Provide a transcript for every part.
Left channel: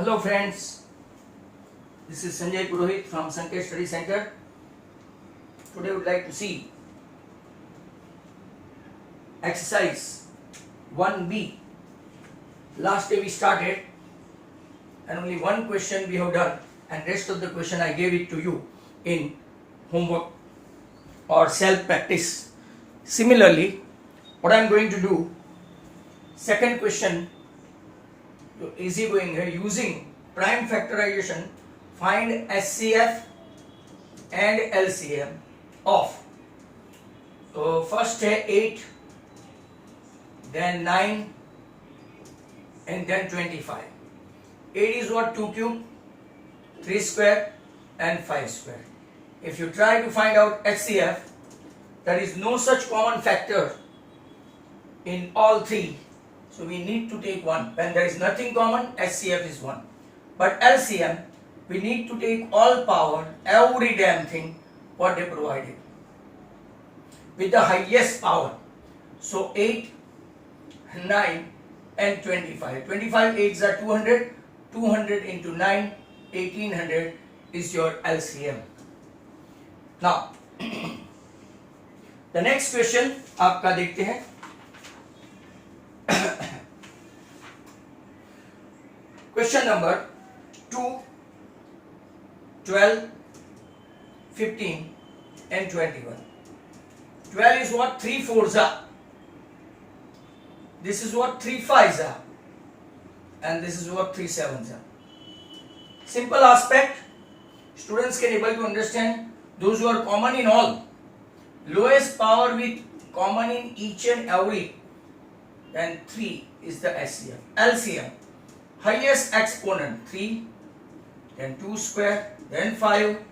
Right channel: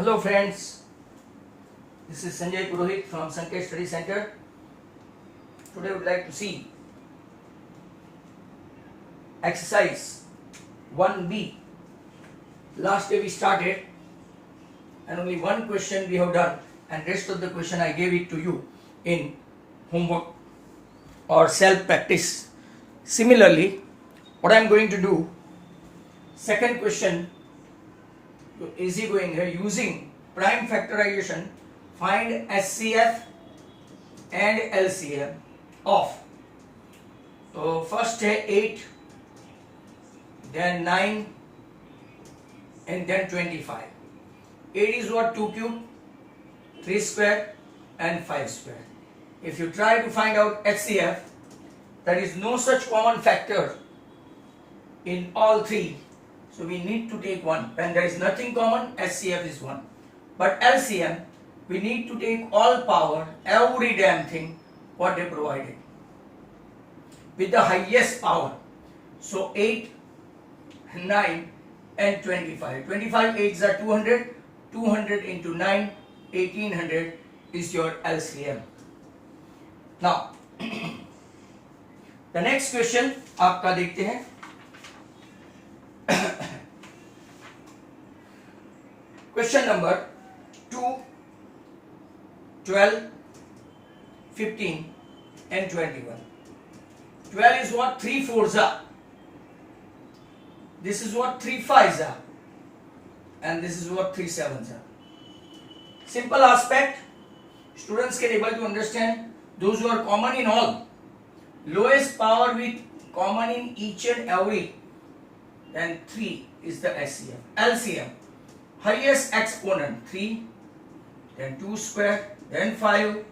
Hello friends, this is Sanjay Purohit from Sanket Study Center. Today we would like to see exercise 1B. Last day we started and only one question we have done, and rest of the question I gave it to you in homework or self practice. Similarly, what I am going to do, second question, easy going here, using prime factorization, find SCF and LCM of, so first 8, then 9 and then 25. 8 is what? 2 cube, 3 square and 5 square. If you try to find out HCF, there is no such common factor in all three. So we need to take one. When there is nothing common, HCF is 1. But LCM, we need to take all power, every damn thing what they provided, with the highest power. So 8, 9 and 25. 25 8s are 200. 200 into 9, 1800 is your LCM. Now, the next question आपका देखते हैं. Question number 2, 12, 15 and 21. 12 is what? 3 4s are. This is what? 3 5s are. And this is what? 3 7s are. Simple aspect. Students can able to understand those who are common in all. Lowest power with common in each and every. Then 3 is the SCF. LCM. Highest exponent 3, then 2 square, then 5.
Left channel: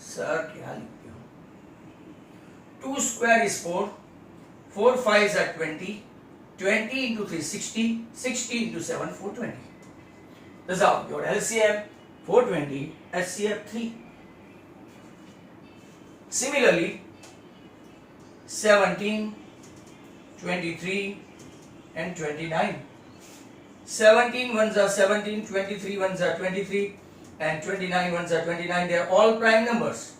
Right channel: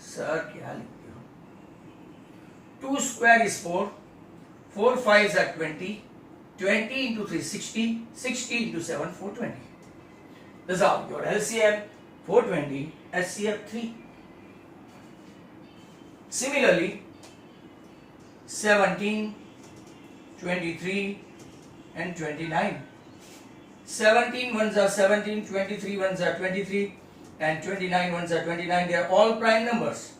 Sir, क्या लिखते हो? 2 square is 4, 4 5s are 20, 20 into 3 60, 60 into 7 420. This is how your LCM 420, SCF 3. Similarly, 17, 23 and 29. 17 ones are 17, 23 ones are 23 and 29 ones are 29. They are all prime numbers.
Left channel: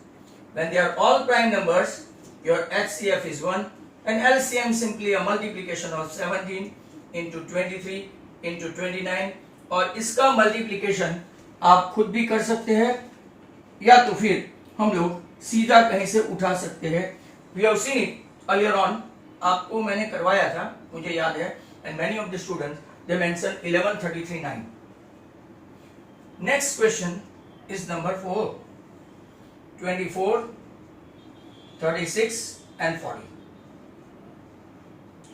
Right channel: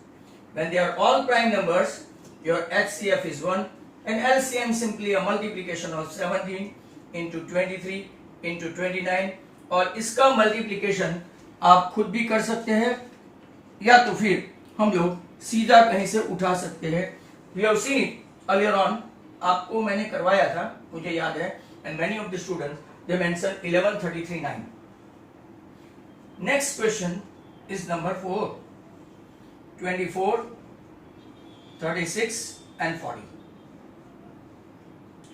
When they are all prime numbers, your HCF is 1 and LCM simply a multiplication of 17 into 23 into 29. और इसका multiplication आप खुद भी कर सकते हैं या तो फिर हम लोग सीधा कहीं से उठा सकते हैं. We have seen it earlier on. आपको मैंने करवाया था, मुझे याद है, and many of the students they mention 11 33 9. Next question is number 4, 24, 36 and 40.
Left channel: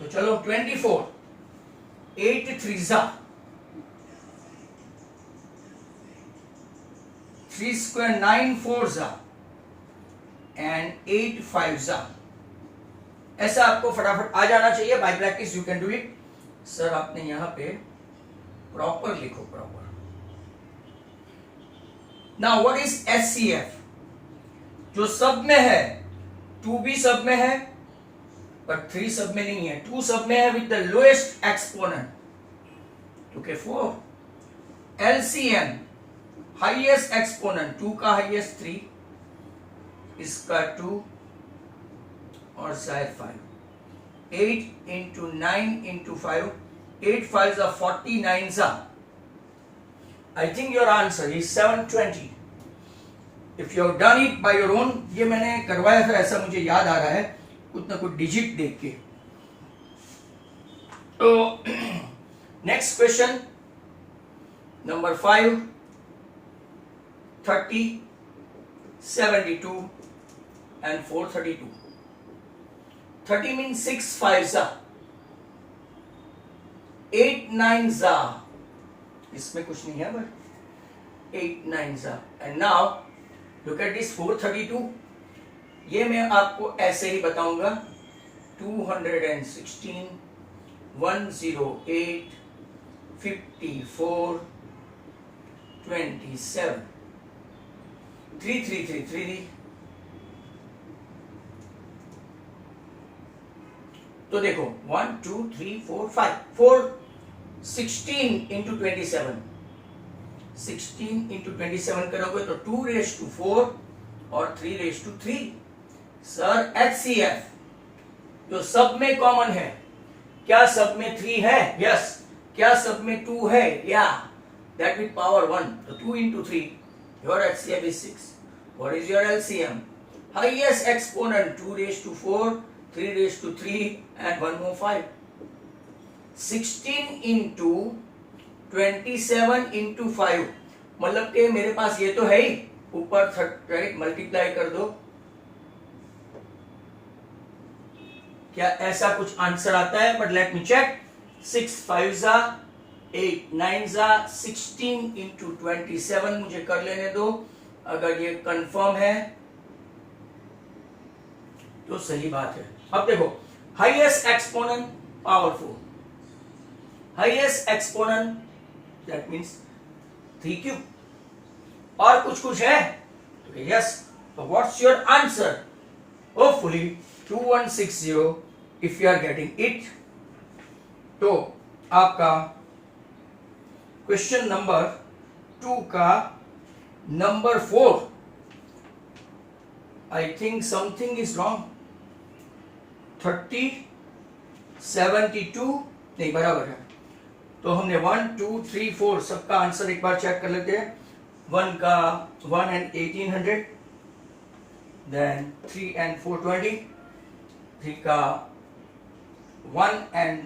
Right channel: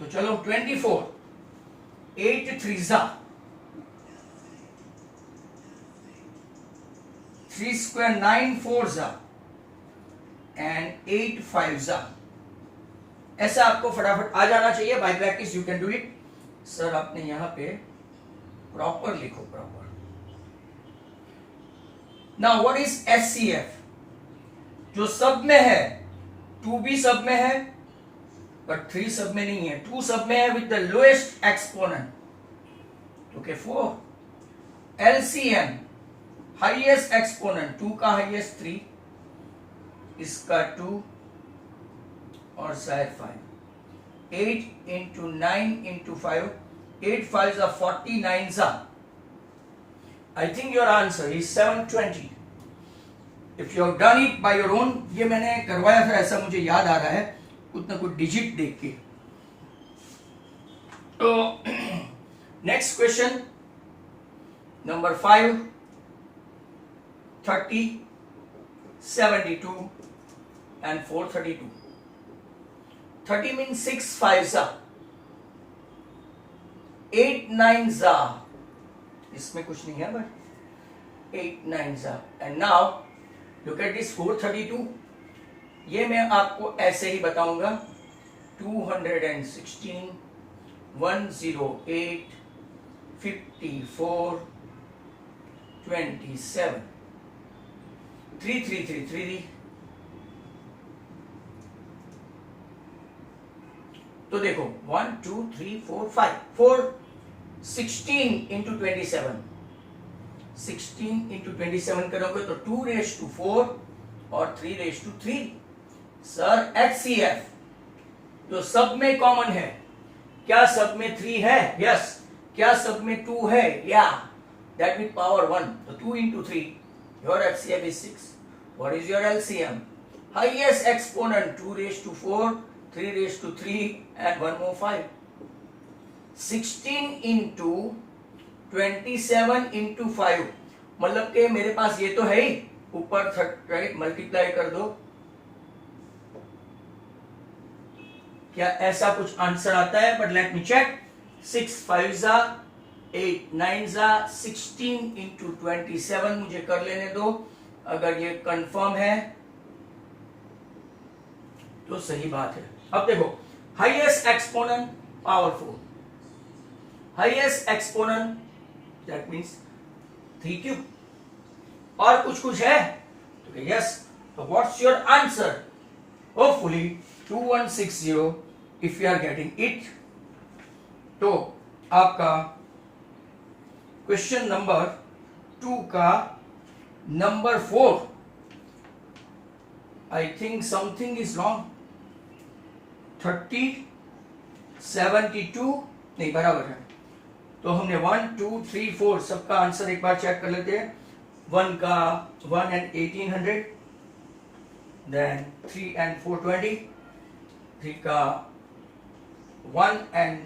तो चलो 24, 8 3s are, 3 square 9 4s are and 8 5s are. ऐसा आपको फटाफट आ जाना चाहिए. Bye practice you can do it. Sir आपने यहां पे प्रॉपर लिखो, proper. Now what is HCF? जो सब में है, 2 भी सब में है पर 3 सब में नहीं है. 2 सब में है with the lowest exponent. Okay 4. LCM highest exponent, 2 का हाईएस्ट 3, इसका 2 और शायद 5. 8 into 9 into 5, 8 5s are 49s are. I think your answer is 720. If you have done it by your own, ये मैंने करवाया था ऐसा मुझे याद आ रहा है, कुछ ना कुछ डिजिट देख के. तो next question number 5, 30, 72 and 432. 30 means 6 5s are, 8 9s are. इसमें कुछ नहीं है but 8 9s are. And now look at this 432. ये मैं आपको ऐसे ही बताऊंगा. 216, 108, 54, 27, 3 3 3 3. तो देखो 1 2 3 4 5 4 16 into 27 16 इंटू 27 करोगे तो 2 रेज टू 4 और 3 रेज टू 3। सर HCF जो सब में कॉमन है, क्या सब में 3 है? यस। क्या सब में 2 है? या दैट विथ पावर 1, तो 2 into 3, your HCF is 6. What is your LCM? Highest exponent 2 raised to 4, 3 raised to 3 and 1 more 5. 16 into 27 into 5, मतलब कि मेरे पास ये तो है ही, ऊपर राइट मल्टीप्लाई कर दो। क्या ऐसा कुछ आंसर आता है? But let me check. 6 5 जा 8 9 जा 16 इंटू 27 मुझे कर लेने दो। अगर ये कंफर्म है तो सही बात है। अब देखो, highest exponent power 4, highest exponent that means 3 cube, और कुछ है तो यस। तो what's your answer? Hopefully 2160 if you are getting it. तो आपका क्वेश्चन नंबर 2 का number 4, I think something is wrong. 30 72 नहीं बराबर है। तो हमने 1 2 3 4 सबका आंसर एक बार चेक कर लेते हैं। 1 का 1 and 1800, then 3 and 420, 3 का 1 and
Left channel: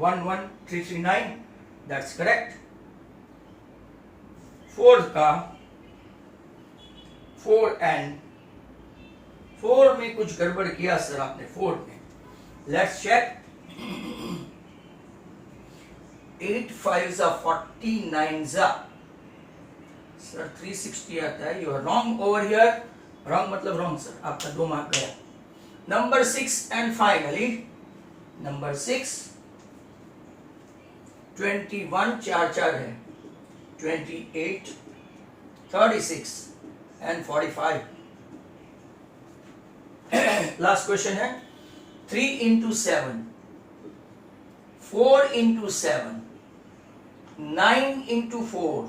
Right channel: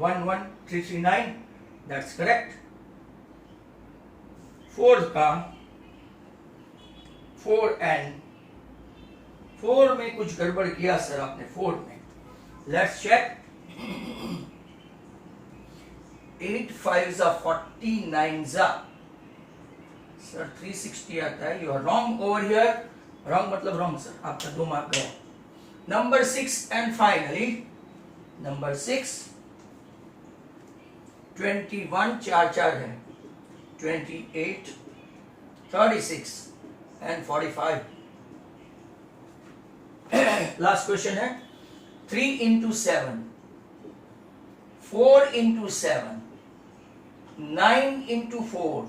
11339, that's correct. 4 का 4 and 4 में कुछ गड़बड़ किया सर आपने 4 में। Let's check. 8 5 जा 49 जा सर 360 आता है। You are wrong over here. Wrong मतलब रॉन्ग सर, आपका 2 मार्क गया। नंबर 6 एंड फाइनली नंबर 6, 21 4 4 है, 28 36 and 45। लास्ट क्वेश्चन है 3 into 7, 4 into 7, 9 into 4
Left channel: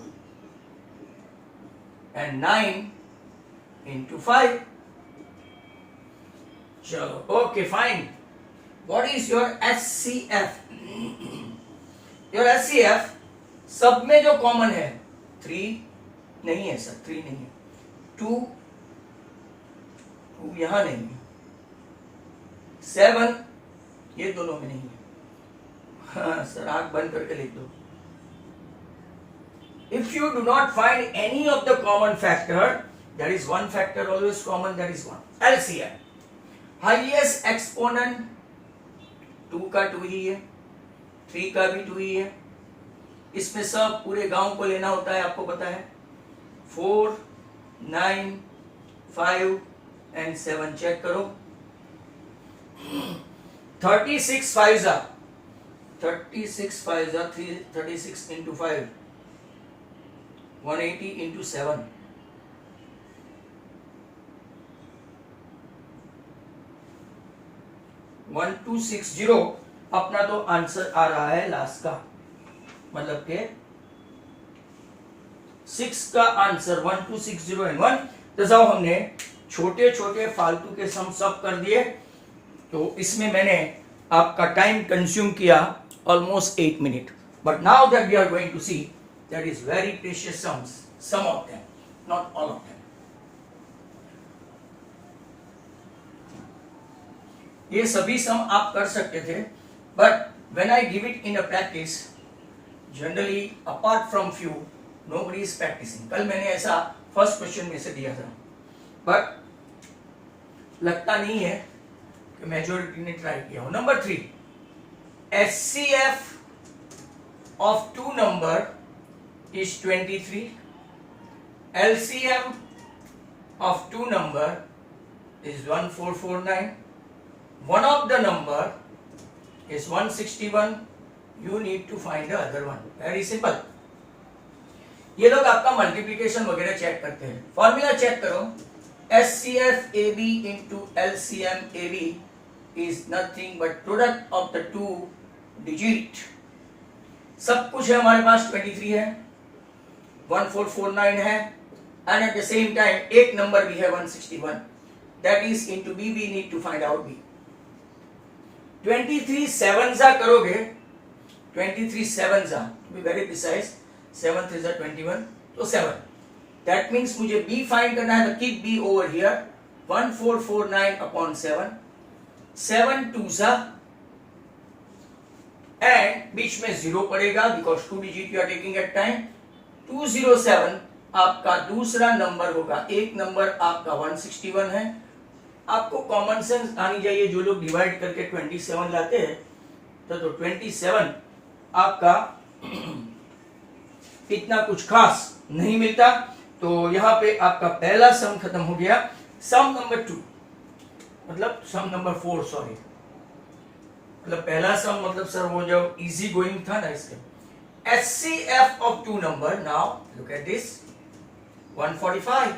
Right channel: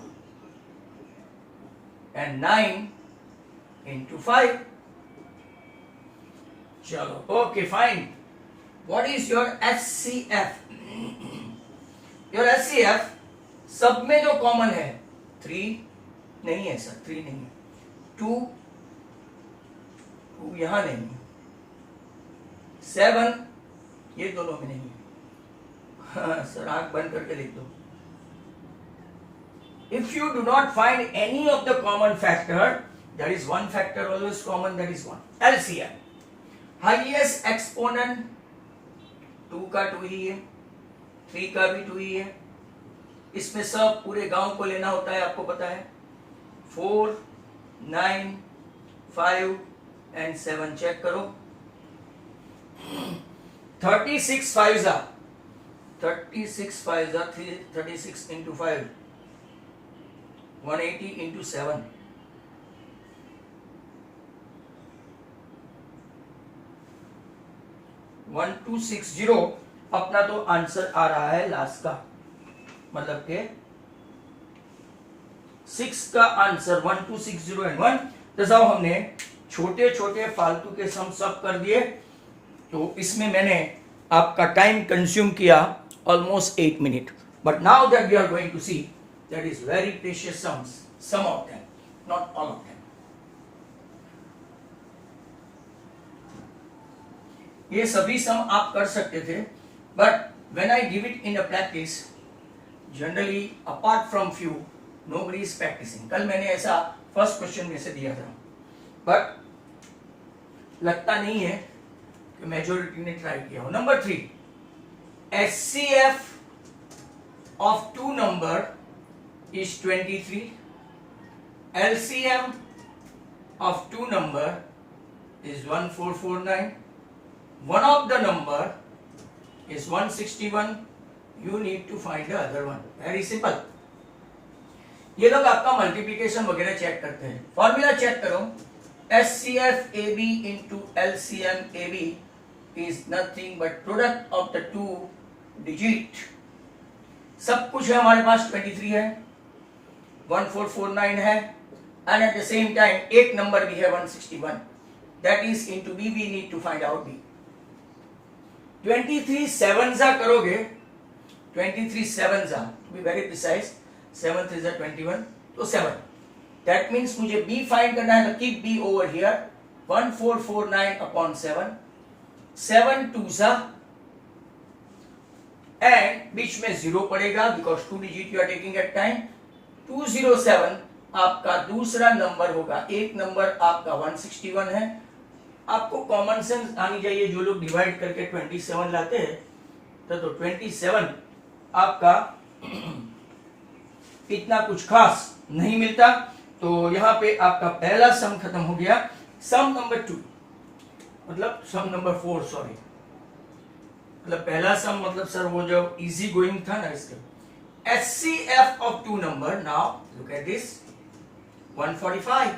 and 9 into 5। चलो okay fine. What is your HCF? Your HCF सब में जो कॉमन है 3 नहीं है सर, 3 नहीं है। 2 यहां नहीं है। 7 ये दोनों में नहीं है। हाँ सर, आंख बंद करके लिख दो। If you do not find any of the common factor, there is one factor always common, that is 1. LCM, highest exponent 2 का 2 ही है, 3 का भी 2 ही है। इसमें सब पूरे गांव को लेना होता है, आपको पता है। 4 9 5 and 7 चेक करो। 36 5 जा 36 into 5, 180 into 7, 1260। अपना तो आंसर आ रहा है लास्ट का, मतलब के 6 का आंसर 1260 and 1। तो जब हमने छोटे छोटे फालतू के सम सब कर दिए, तो इसमें मैंने आपका टाइम कंज्यूम किया almost 8 minutes. But now that we are going to see, that is very precious sums, some of them, not all of them. ये सभी सम आप कर सकते थे, but when I give it in a practice, generally apart from few, nobody is practicing. कल मैंने ऐसा first question में से दिया था, but लगता नहीं है कि मेजॉरिटी ने ट्राई किया हो। Number 3, HCF of 2 number is 23. LCM of 2 number is 1449. One of the number is 161. You need to find the other one. Very simple. ये लोग आपका मल्टीप्लिकेशन वगैरह चेक करते हैं। फॉर्मूला चेक करो। HCF AB into LCM AB is nothing but product of the 2 digit। सब कुछ है हमारे पास, 23 है, 1449 है, and at the same time एक नंबर भी है 161. That is into B. We need to find out B. 23 7 करोगे, 23 7 to be very precise, 7 3 21, तो 7. That means मुझे B find करना है, तो keep B over here. 1449 upon 7, 7 2 and बीच में 0 पड़ेगा because 2 digit you are taking at time. 207 आपका दूसरा नंबर होगा, एक नंबर आपका 161 है. आपको कॉमन सेंस आनी चाहिए, जो लोग डिवाइड करके 27 लाते हैं तो 27 आपका इतना कुछ खास नहीं मिलता. तो यहां पे आपका पहला सम खत्म हो गया. सम नंबर 2 मतलब सम नंबर 4 सॉरी, मतलब पहला सम मतलब सर वो जो इजी गोइंग था ना, इसके HCF of two number. Now look at this, 145.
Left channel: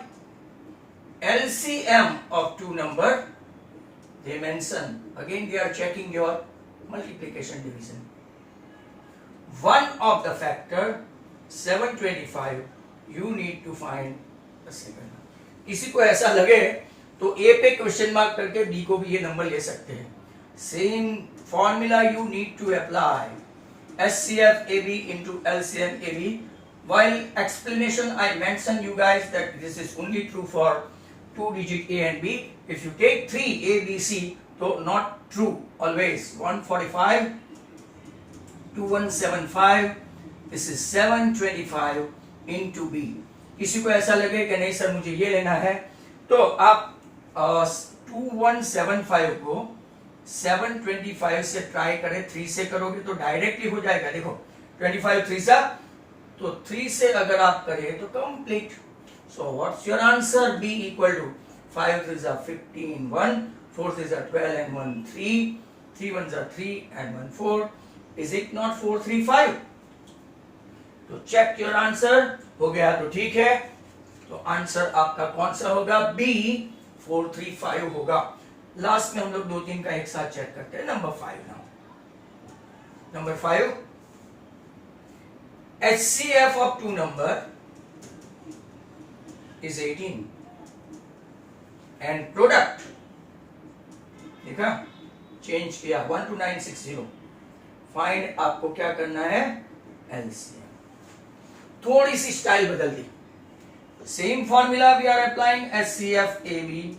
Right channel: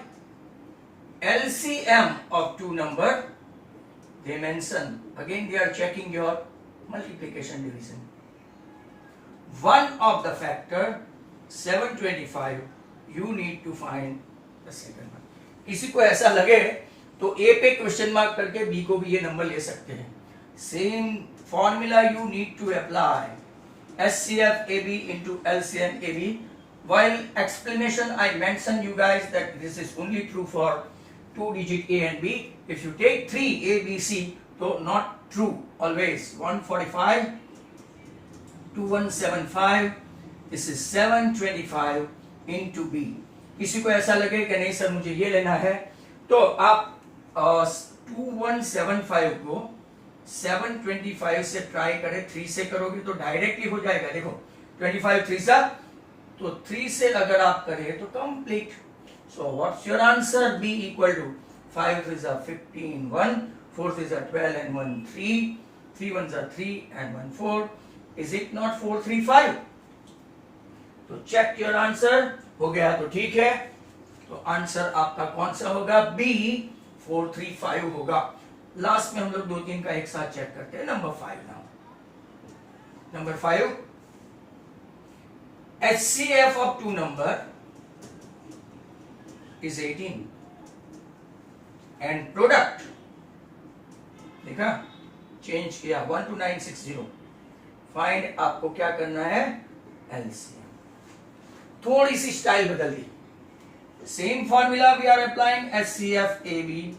LCM of two number, they mention again, they are checking your multiplication division. One of the factor 725, you need to find the second one. किसी को ऐसा लगे तो A पे question mark करके B को भी ये नंबर ले सकते हैं. Same formula you need to apply. SCF AB into LCM AB. While explanation I mentioned you guys that this is only true for 2 digit A and B. If you take 3 A, B, C, so not true always. 145, 2175, this is 725 into B. किसी को ऐसा लगे कि नहीं sir मुझे ये लेना है, तो आप 2175 को 725 से ट्राई करें, 3 से करोगे तो डायरेक्टली हो जाएगा. देखो 25 3 सा, तो 3 से अगर आप करें तो complete. So what's your answer? B equal to 5 3 15 1, 4 3 12 and 1 3, 3 1 3 and 1 4. Is it not 435? तो चेक योर आंसर. हो गया तो ठीक है. तो आंसर आपका कौन सा होगा? B 435 होगा. लास्ट में हम लोग 2-3 का एक साथ चेक करते हैं. Number 5 now. Number 5, HCF of two number is 18 and product, देखा चेंज किया 12960. फाइंड आपको क्या करना है? LCM. थोड़ी सी स्टाइल बदल दी. Same formula we are applying. HCF AB.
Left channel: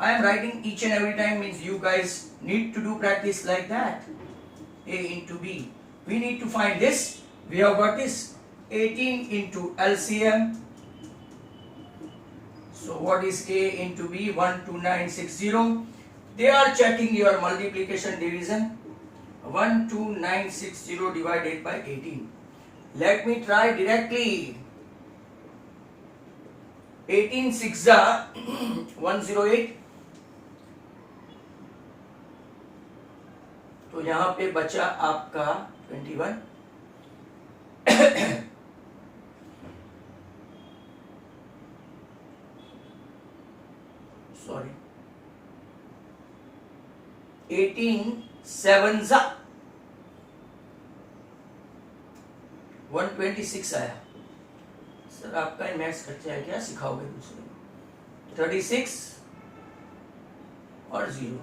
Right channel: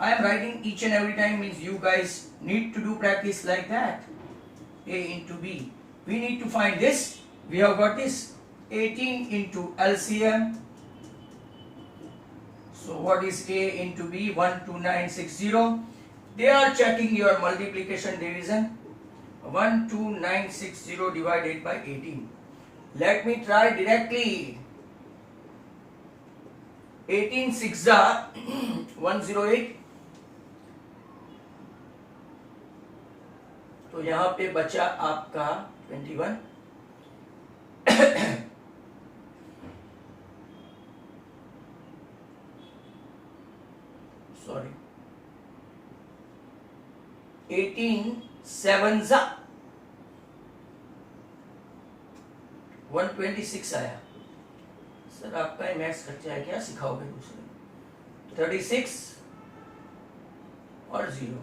I am writing each and every time, means you guys need to do practice like that. A into B. We need to find this. We have got this 18 into LCM. So what is A into B? 12960. They are checking your multiplication division. 12960 divided by 18. Let me try directly. 18 6 108. तो यहां पे बचा आपका 21. Sorry 18 7 126 आया. Sir आपका maths कच्चा है क्या? सिखाओगे दूसरे? 36 और 0.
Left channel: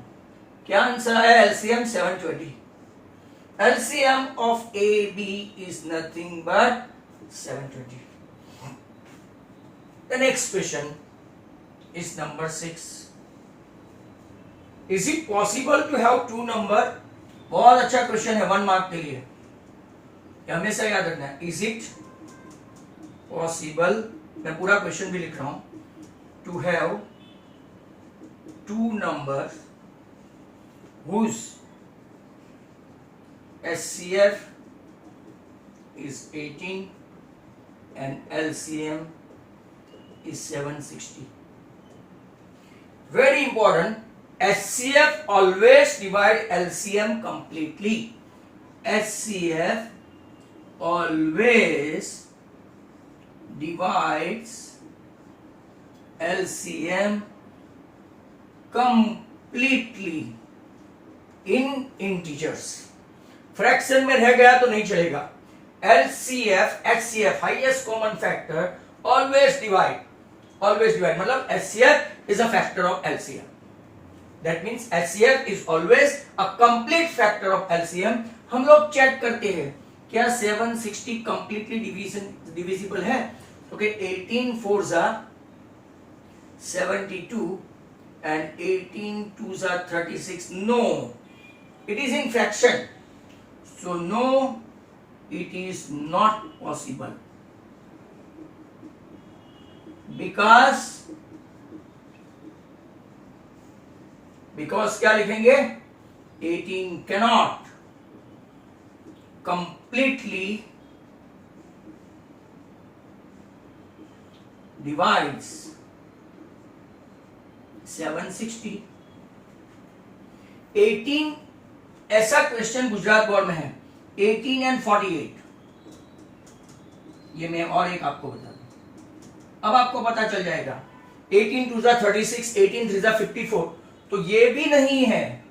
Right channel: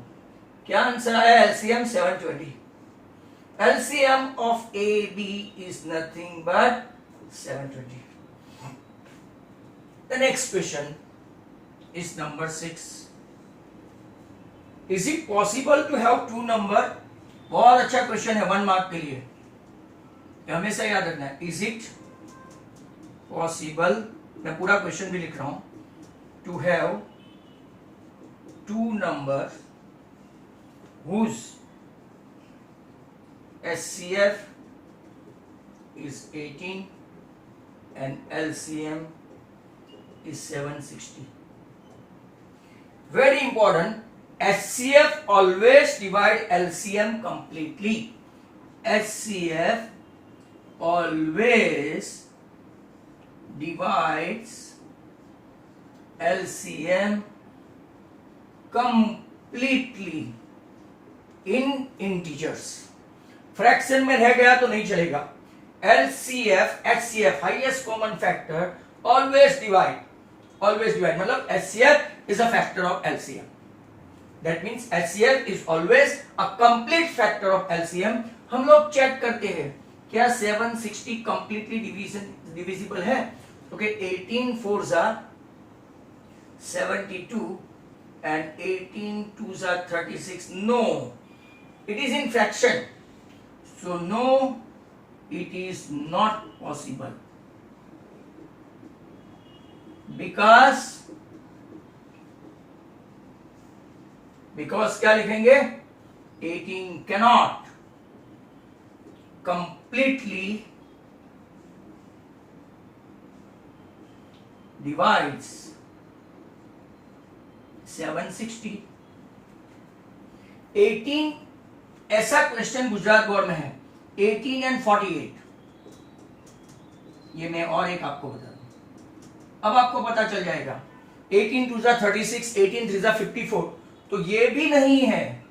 क्या आंसर आया? LCM 720. LCM of AB is nothing but 720. The next question is number 6. Is it possible to have two number? बहुत अच्छा क्वेश्चन है 1 मार्क के लिए, हमेशा याद रखना है. Is it possible, मैं पूरा क्वेश्चन भी लिख रहा हूं, to have two numbers whose SCF is 18 and LCM is 760. Very important. HCF always divide LCM completely. HCF always divides LCM completely in integers. Fraction में रह गया तो नहीं चलेगा. LCF, HCF, highest common factor, always divide मतलब HCF is a factor of LCM. That means HCF is always a complete factor of LCM. हम लोग check करते हैं क्या 760 completely divisible है? Okay, 18 fours are 72 and 18 twos are 36. No, it is in fraction. So no, it is not possible because क्या लिखेंगे? 18 cannot completely divides 760. 18 ऐसा question Gujarat board में है, 18 and 48. ये मैं और एक आपको बता दूं, अब आपको पता चल जाएगा 18 2 36, 18 3 54. तो ये भी नहीं है.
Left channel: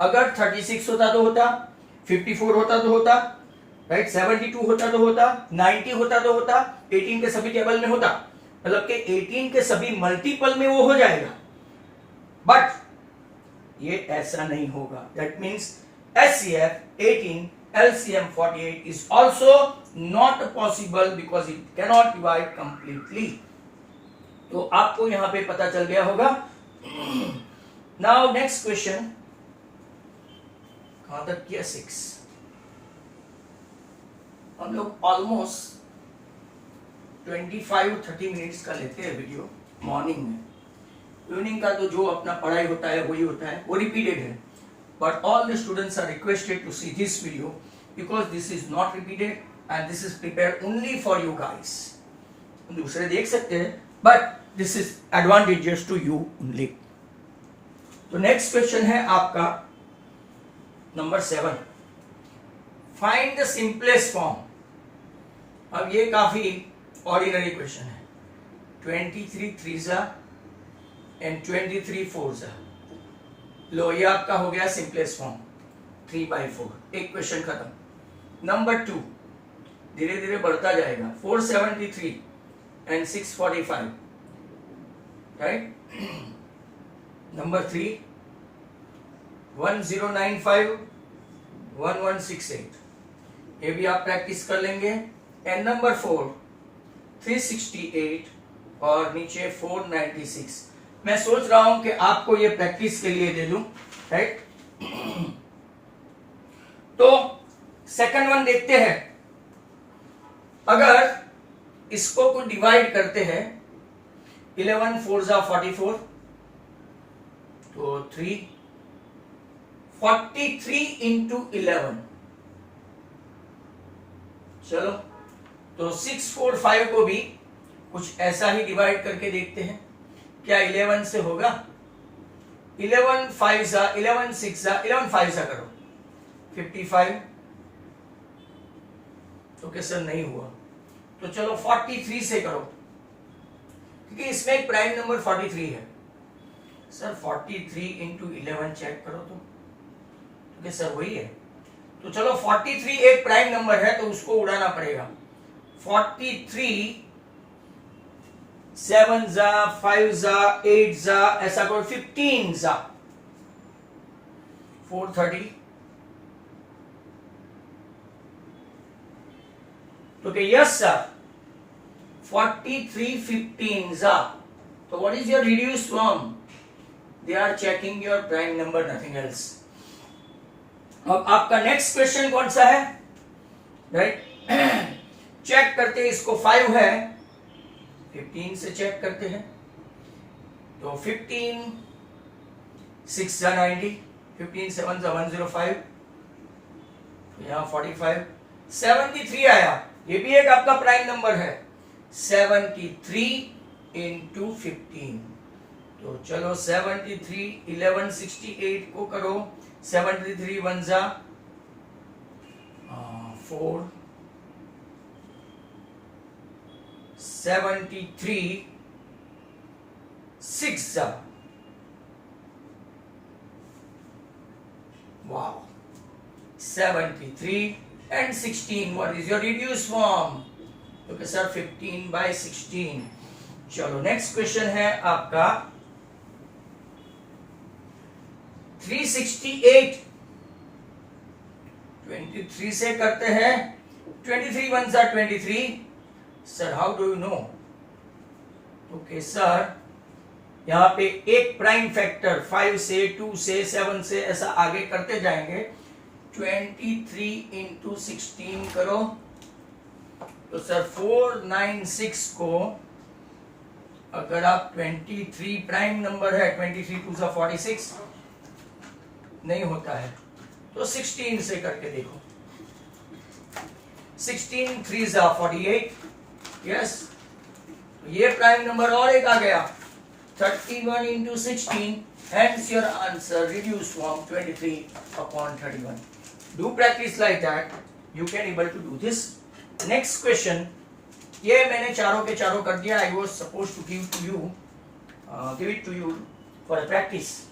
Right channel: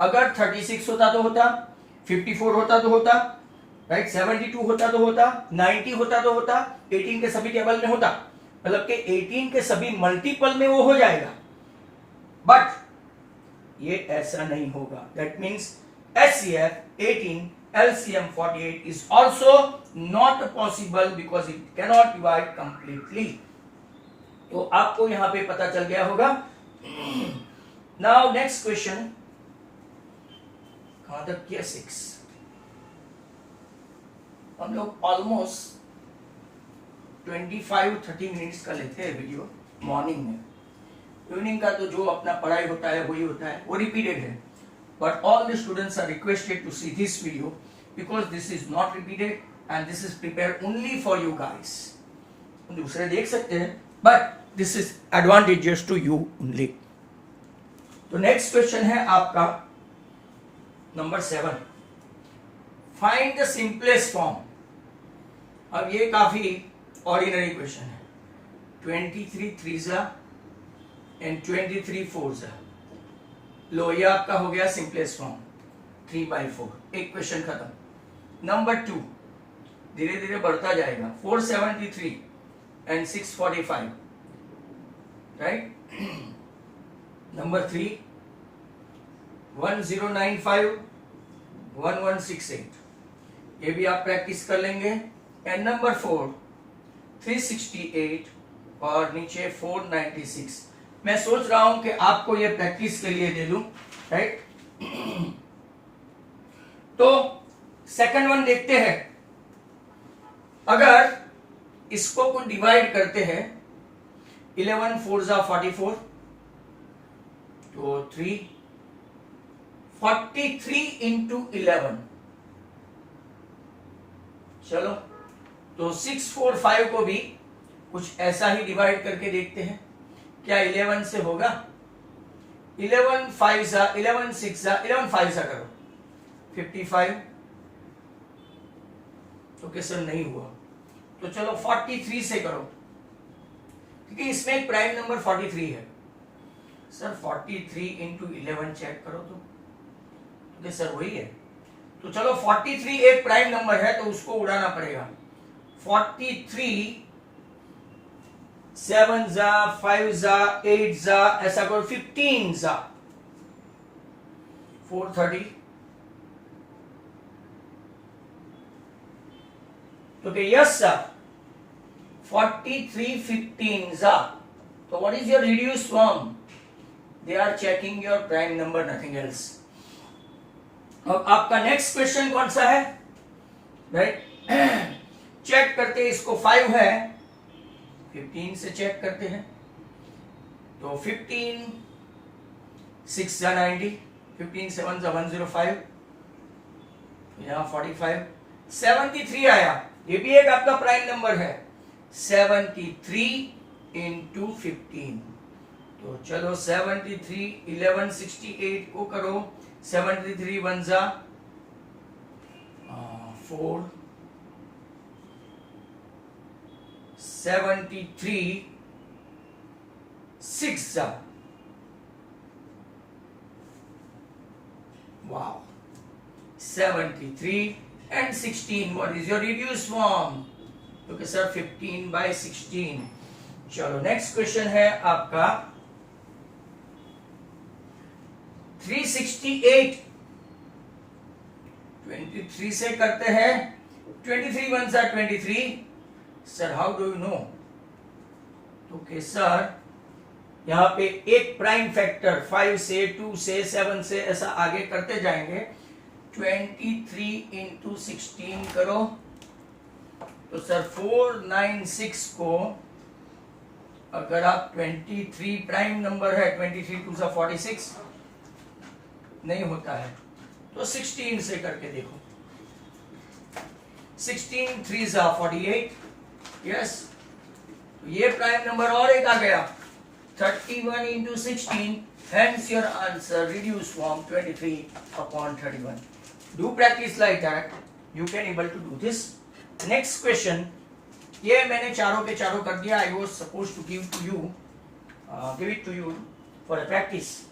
अगर 36 होता तो होता, 54 होता तो होता, राइट, 72 होता तो होता, 90 होता तो होता, 18 के सभी टेबल में होता, मतलब कि 18 के सभी मल्टीपल में वो हो जाएगा. बट ये ऐसा नहीं होगा. That means HCF 18, LCM 48 is also not possible because it cannot divide completely. तो आपको यहां पे पता चल गया होगा. Now next question, कहां तक किया? 6. हम लोग ऑलमोस्ट 25-30 मिनट्स का लेते हैं वीडियो मॉर्निंग में. इवनिंग का तो जो अपना पढ़ाई होता है वही होता है, वो रिपीटेड है. But all the students are requested to see this video because this is not repeated and this is prepared only for you guys. दूसरे देख सकते हैं but this is advantages to you only. तो next question है आपका number 7. Find the simplest form. अब ये काफी ऑर्डिनरी क्वेश्चन है. 23 3s एंड 23 4s. लो, ये आपका हो गया सिंपलेस्ट फॉर्म 3/4. एक क्वेश्चन खत्म. नंबर 2 धीरे धीरे बढ़ता जाएगा. 473 एंड 645, राइट. नंबर 3 1095 1168. ये भी आप प्रैक्टिस कर लेंगे. एंड नंबर 4 368 और नीचे 496. मैं सोच रहा हूं कि आपको ये प्रैक्टिस के लिए दे दूं, राइट. तो सेकंड वन देखते हैं. अगर इसको को डिवाइड करते हैं, 11 4s are 44, तो 3 43 into 11. चलो, तो 645 को भी कुछ ऐसा ही डिवाइड करके देखते हैं. क्या 11 से होगा? 11 5s 11 6 11 5s करो 55. ओके सर, नहीं हुआ. तो चलो 43 से करो, क्योंकि इसमें एक प्राइम नंबर 43 है. सर 43 into 11 चेक करो तो ओके सर वही है. तो चलो 43 एक प्राइम नंबर है तो उसको उड़ाना पड़ेगा. 43 7s 5s 8s ऐसा करो. 15s 430. Okay, yes sir. 43 15s. So what is your reduced form? They are checking your prime number, nothing else. अब आपका नेक्स्ट क्वेश्चन कौन सा है, राइट. चेक करते हैं. इसको 5 है, 15 से चेक करते हैं. तो 15 6 90, 15 7 105, यहाँ 45, 73 आया. ये भी एक आपका प्राइम नंबर है. 73 into 15. तो चलो 73 1168 को करो. 73 1s 4, 73 6. Wow. 73 and 16. What is your reduced form? Okay sir, 15/16. चलो नेक्स्ट क्वेश्चन है आपका 368. 23 से करते हैं. 23 1s are 23. Sir how do you know? Okay sir, यहाँ पे एक प्राइम फैक्टर 5 से 2 से 7 से ऐसा आगे करते जाएंगे. 23 इंटू 16 करो तो सर 496 को अगर आप 23 प्राइम नंबर है, 23 2 सा 46 नहीं होता है तो 16 से करके देखो. 16 3 सा 48. यस, ये प्राइम नंबर और एक आ गया 31 into 16. Hence your answer reduced from 23/31. Do practice like that. You can able to do this. Next question. ये मैंने चारों के चारों कर दिया. I was supposed to give it to you for a practice,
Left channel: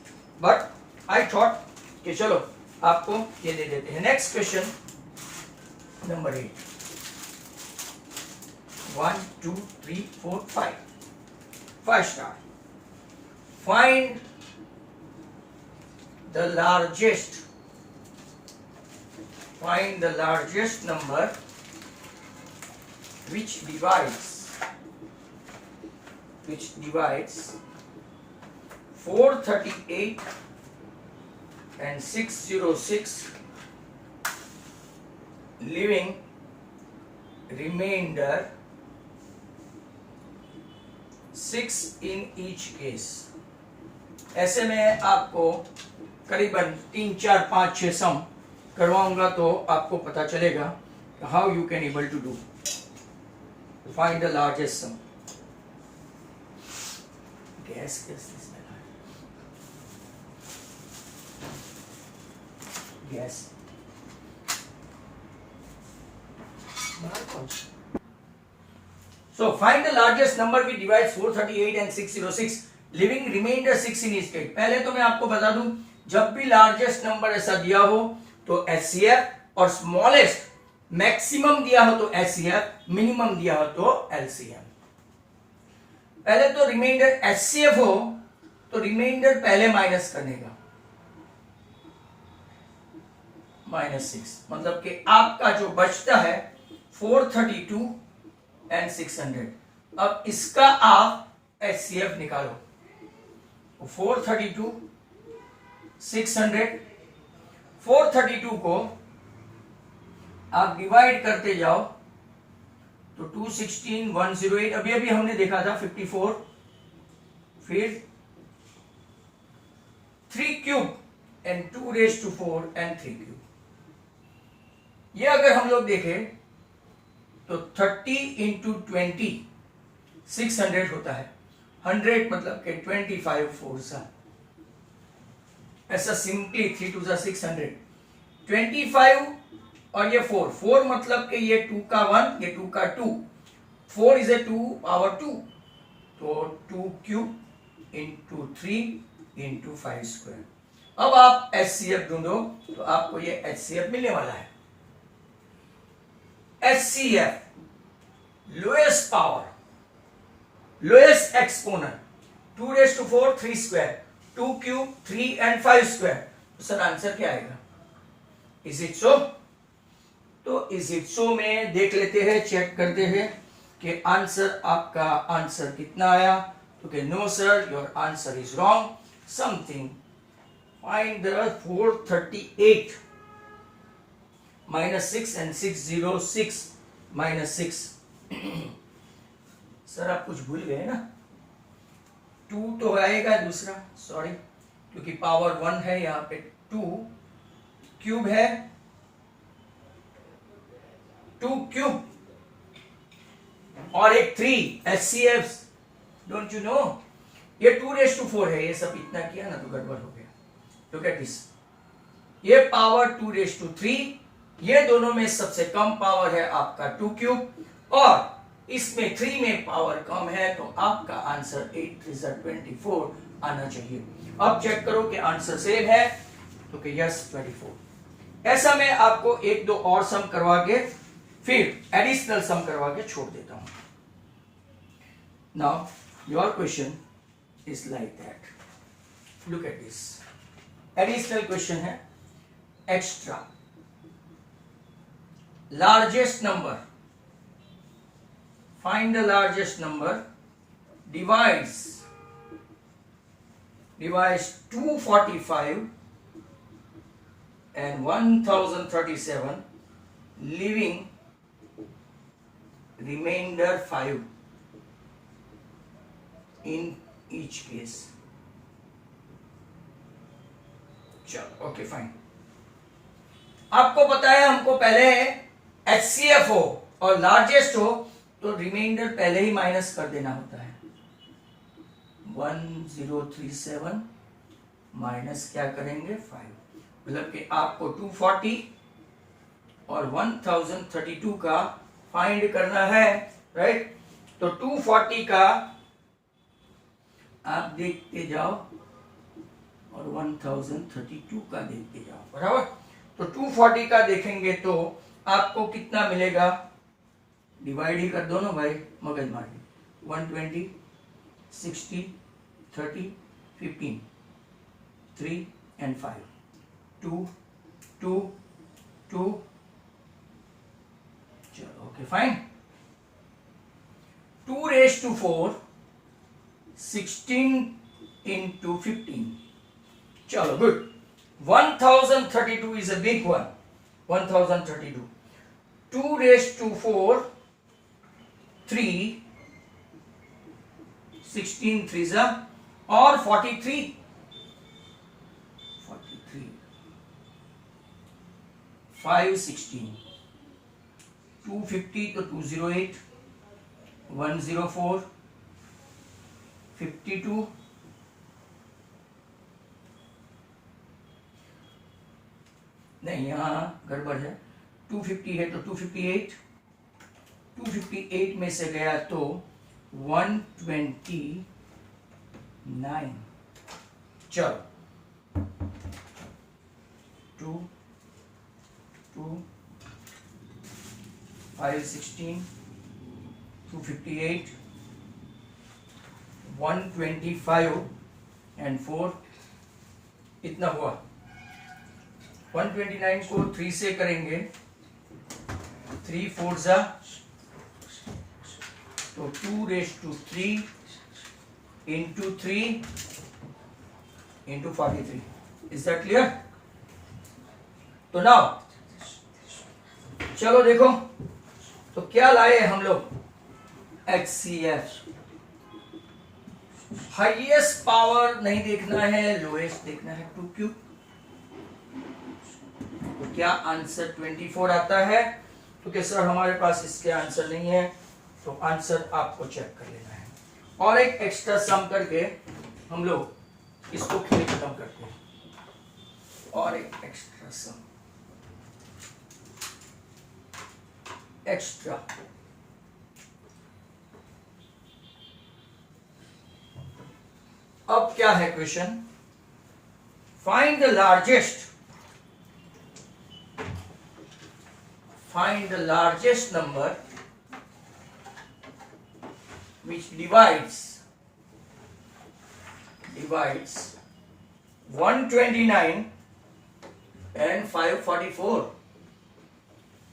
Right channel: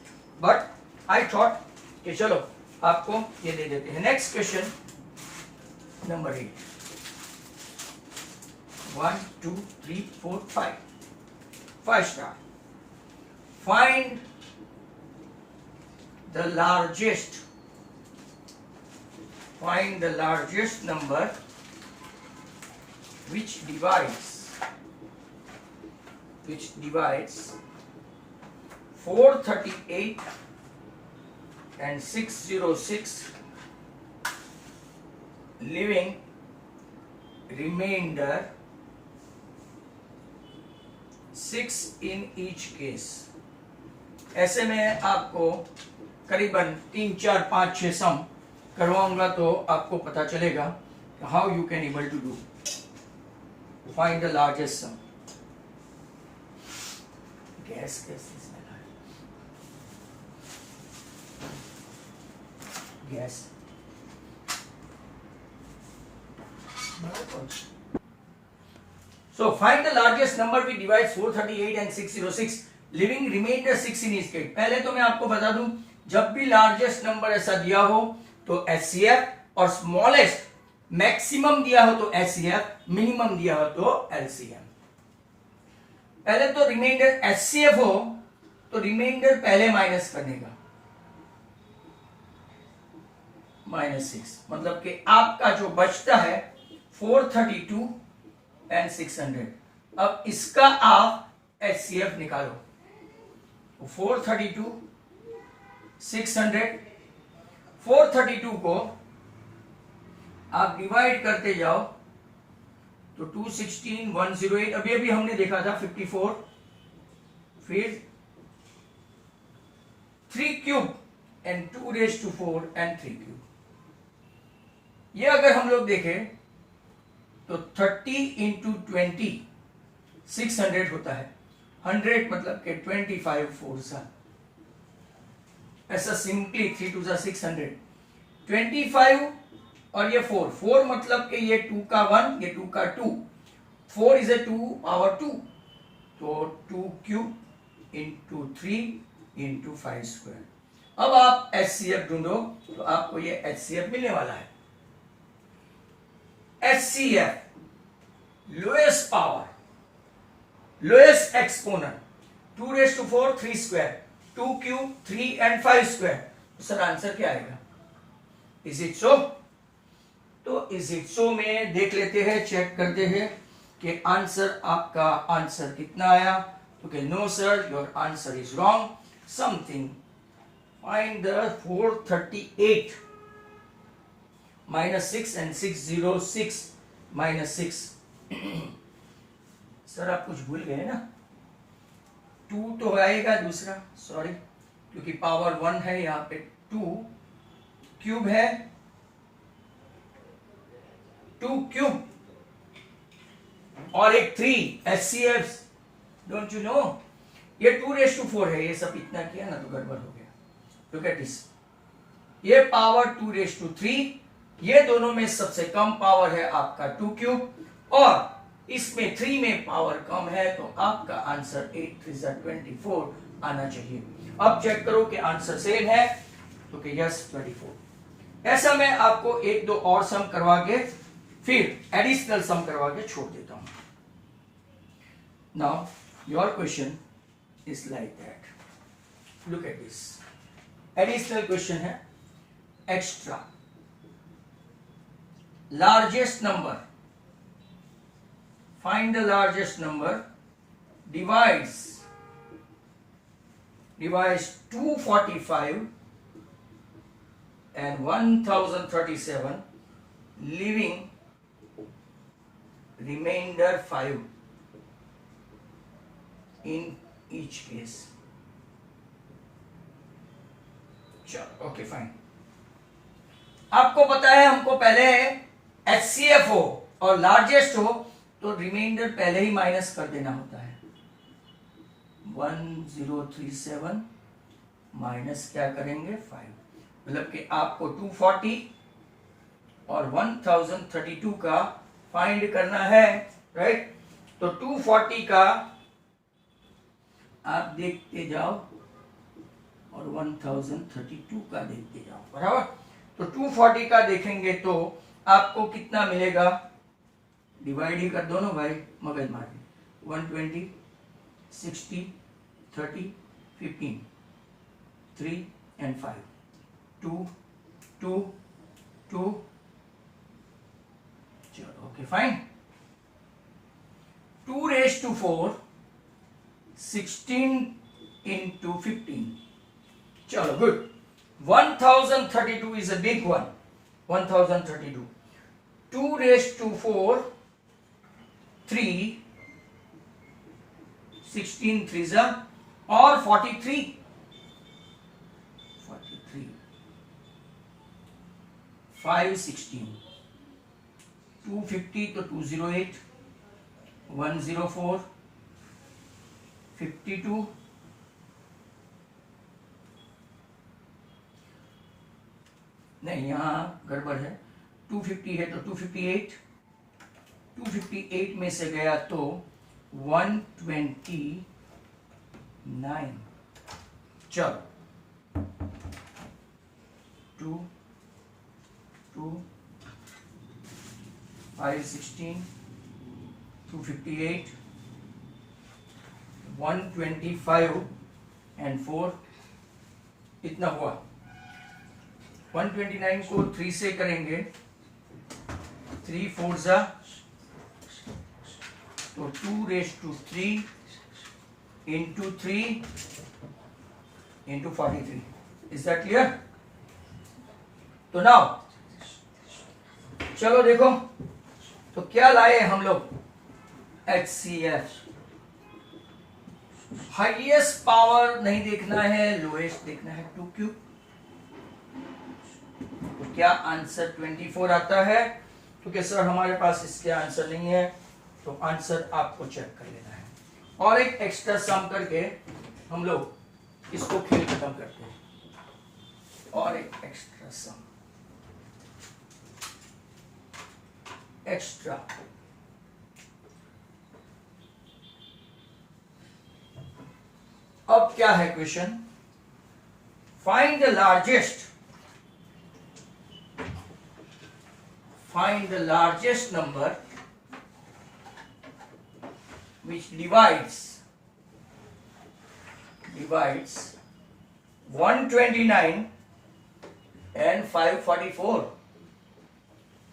but I thought कि चलो आपको ये दे देते हैं. Next question number 8. 1 2 3 4 5. 5 star. Find the largest number which divides 438 and 606, leaving remainder 6 in each case. ऐसे में आपको करीबन 3 4 5 6 सम करवाऊंगा तो आपको पता चलेगा how you can able to do. Find the largest sum. Guess guess So find the largest number which divides 438 and 606, leaving remainder 6 in each case. पहले तो मैं आपको बता दूं, जब भी लार्जेस्ट नंबर ऐसा दिया हो तो HCF और स्मॉलेस्ट मैक्सिमम दिया हो तो HCF, मिनिमम दिया हो तो LCM. पहले तो रिमाइंडर HCF हो तो रिमाइंडर पहले माइनस करने का -6, मतलब कि आपका जो बचता है 432 एंड 600. अब इसका आप HCF निकालो. 432 600. 432 को आप डिवाइड करते जाओ तो 216 108. अभी अभी हमने देखा था 54. फिर 3 cube and 2 raise to 4 and 3 cube. ये अगर हम लोग देखें तो 30 इंटू 20 600 होता है. 100 मतलब के 25 4 सा, ऐसा सिंपली 3 2 सा 600. 25 और ये 4 मतलब कि ये 2 का 1, ये 2 का 2. 4 इज ए 2 पावर 2, तो 2 क्यूब इंटू 3 इंटू 5 स्क्वायर. अब आप HCF ढूंढो तो आपको ये HCF मिलने वाला है. HCF, lowest power, lowest exponent, 2 raised to 4 3 square, 2 cube 3 and 5 square. तो सर आंसर क्या आएगा? Is it so? तो is it so में देख लेते हैं, चेक करते हैं कि आंसर आपका आंसर कितना आया. Okay, no sir, your answer is wrong. Something. Find the 438 -6 and 606 -6. सर आप कुछ भूल गए ना. 2 तो आएगा दूसरा, सॉरी, क्योंकि पावर 1 है यहाँ पे. 2 क्यूब है, 2 क्यूब और एक 3 HCF. डोंट यू नो, ये 2 रेज टू 4 है. ये सब इतना किया ना तो गड़बड़ हो गया. Look at this. ये पावर 2 रेज टू 3, ये दोनों में सबसे कम पावर है आपका 2 क्यूब, और इसमें 3 में पावर कम है, तो आपका आंसर 8 3 24 आना चाहिए. अब चेक करो कि आंसर सेम है, तो कि यस 24. ऐसा मैं आपको एक दो और सम करवा के फिर एडिशनल सम करवा के छोड़ देता हूं. Now your question is like that. Look at this. Additional question है. Extra largest number, find the largest number, divides 245 and 1037, leaving remainder 5 in each case. चलो ओके फाइन. आपको पता है हमको पहले HCF हो और लार्जेस्ट हो तो रिमाइंडर पहले ही माइनस कर देना होता है. 1037 माइनस क्या करेंगे 5. मतलब कि आपको 240 और 1032 का फाइंड करना है. राइट. तो 240 का आप देखते जाओ और 1032 का देखते जाओ. बराबर. तो 240 का देखेंगे तो आपको कितना मिलेगा. डिवाइड ही कर दो ना भाई, मगज मार दी. 120 60 30 15 3 and 5 2 2 2. चलो okay fine. 2 raised to 4 16 into 15. चलो good. 1032 is a big one. 1032. 2 raised to 4 3 16 3s और 43 5 16 250 तो 208 104 52 नहीं यहां गड़बड़ है. 250 है तो 258 258 में से गया तो 129. चलो 2 2 5 16 258 125 and 4 इतना हुआ. 129 को 3 से करेंगे 3 4 जा तो 2 raised to 3 into 3 into 43. Is that clear? तो नाउ चलो देखो तो क्या लाए हम लोग. HCF. हाईएस्ट पावर नहीं देखना है, लोएस्ट देखना है. 2 क्यूब. तो क्या आंसर 24 आता है. क्योंकि सर हमारे पास इसके आंसर नहीं है तो आंसर आपको चेक कर लेना है. और एक एक्स्ट्रा सम करके हम लोग इसको खेल खत्म करते हैं. और एक एक्स्ट्रा सम. एक्स्ट्रा अब क्या है question. Find the largest number which divides 129 and 544.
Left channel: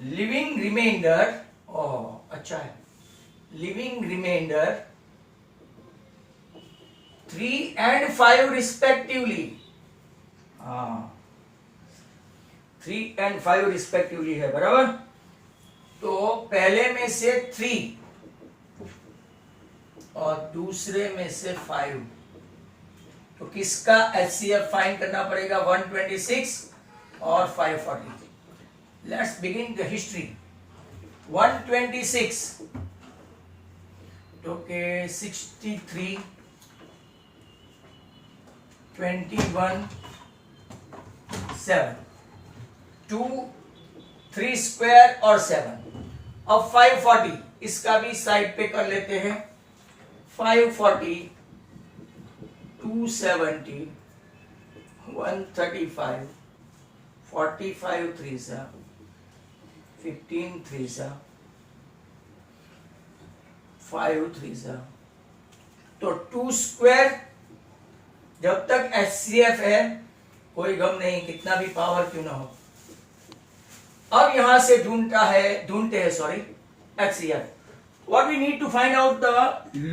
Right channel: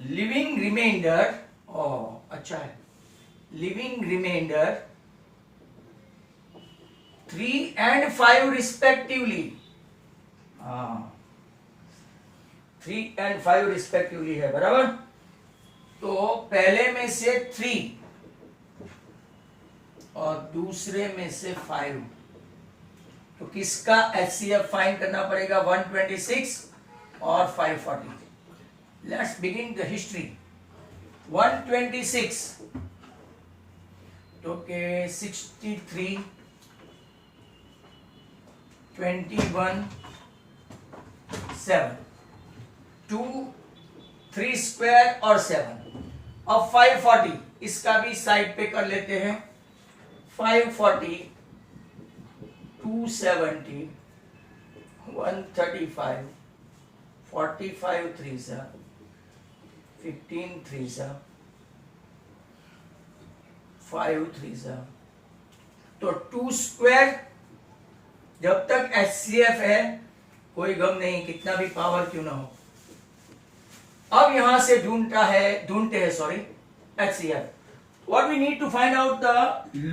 Leaving remainder. अच्छा है. Leaving remainder 3 and 5 respectively. 3 and 5 respectively है. बराबर. तो पहले में से 3 और दूसरे में से 5. तो किसका HCF फाइंड करना पड़ेगा. 126 और 540. Let's begin the history. 126 तो के 63 21 7 2 3 स्क्वायर और 7. अब 540 इसका भी साइड पे कर लेते हैं. 540 270 135 45 3s 15 3s 5 3s, तो 2 स्क्वायर जब तक HCF है कोई गम नहीं, कितना भी पावर क्यों ना हो। अब यहां से ढूंढते हैं sorry HCF. What we need to find out the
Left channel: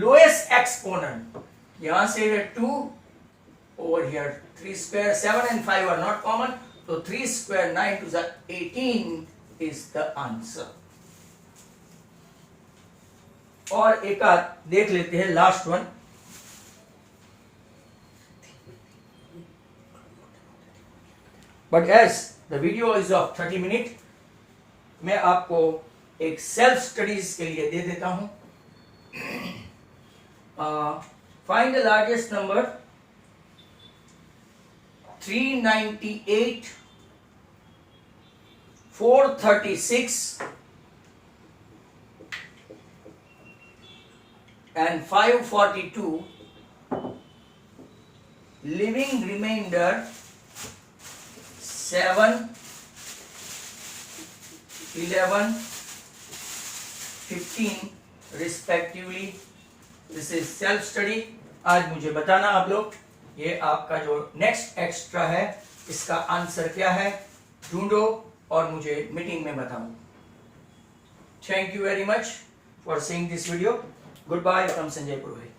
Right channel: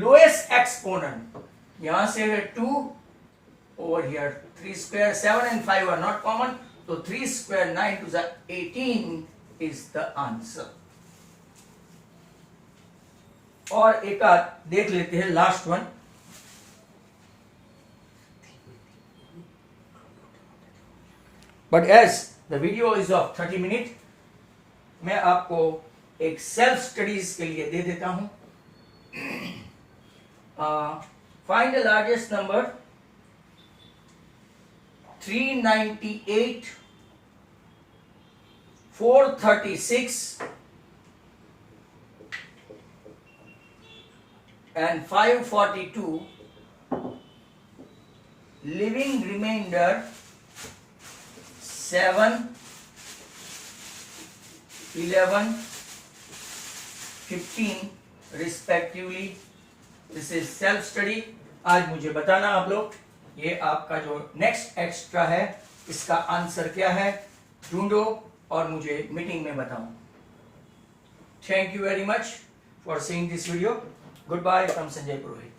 lowest exponent. यहां से है 2, over here 3 square 7 and 5 are not common, so 3 square 9 to the 18 is the answer. और एक आध देख लेते हैं last one. But as the video is of 30 minutes, मैं आपको एक सेल्फ स्टडीज के लिए दे देता हूं. Find the largest number 398, 436 and 542. Living remainder 7, 11, 15 respectively. This is self study. आज मुझे बताना आप लोग, ये आपका जो नेक्स्ट एक्स्ट्रा है इसका आंसर क्या है, ढूंढो और मुझे मीटिंग में बताओ. Thank you very much for seeing this video. Good bye from Sanjay Purohit.